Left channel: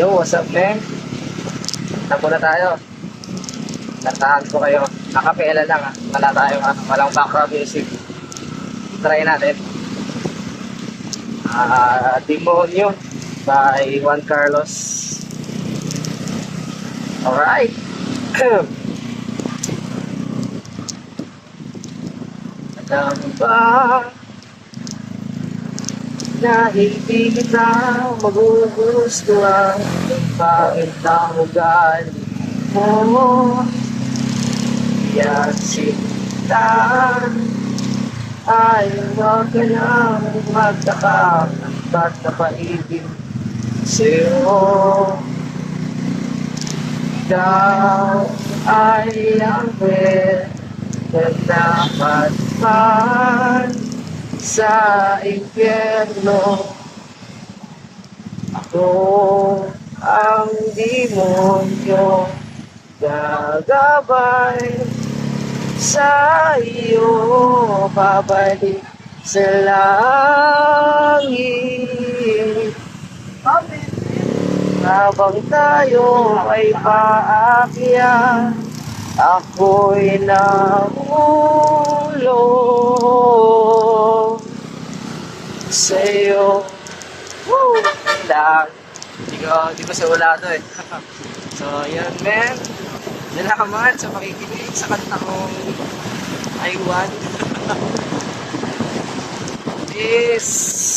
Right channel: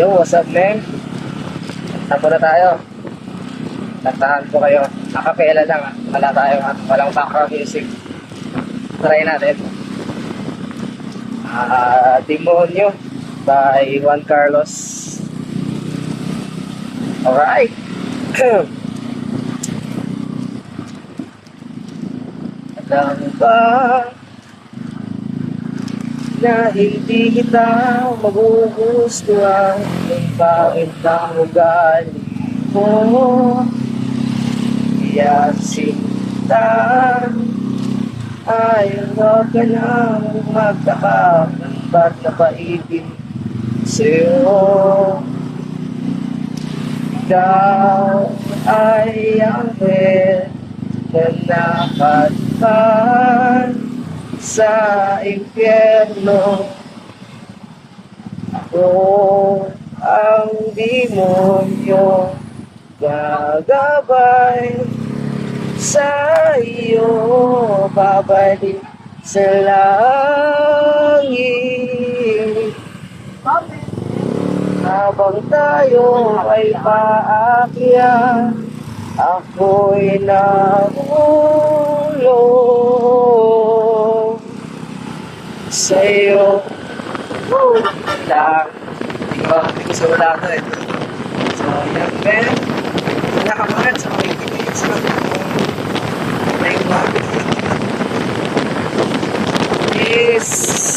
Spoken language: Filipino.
Yo, what's up, man? Tapo na tayo. Kantahan ko kayo. Nakapela lang, ah. Wala tayong, walang background music. Try natin. Demonyo by Juan Carlos. Alright. Alam mo ba na hindi kita magugustuhan kung bakit ang ugali mo iyan sinta ay huwag ka nang magtaka ba't napaibig sa'yo. Ikaw ay ang na napadpad sa impyerno. Ako ang demonyo gagabay sa iyo, babalik sa langit. Habang tayo ay paakyat, ako'y nahulog sa'yo. Woo! Lang. Hindi ko sa wala to eh. So, yan, man. Nalakaman sa mga ibigay sa kanya ko. Naiwan. Peace!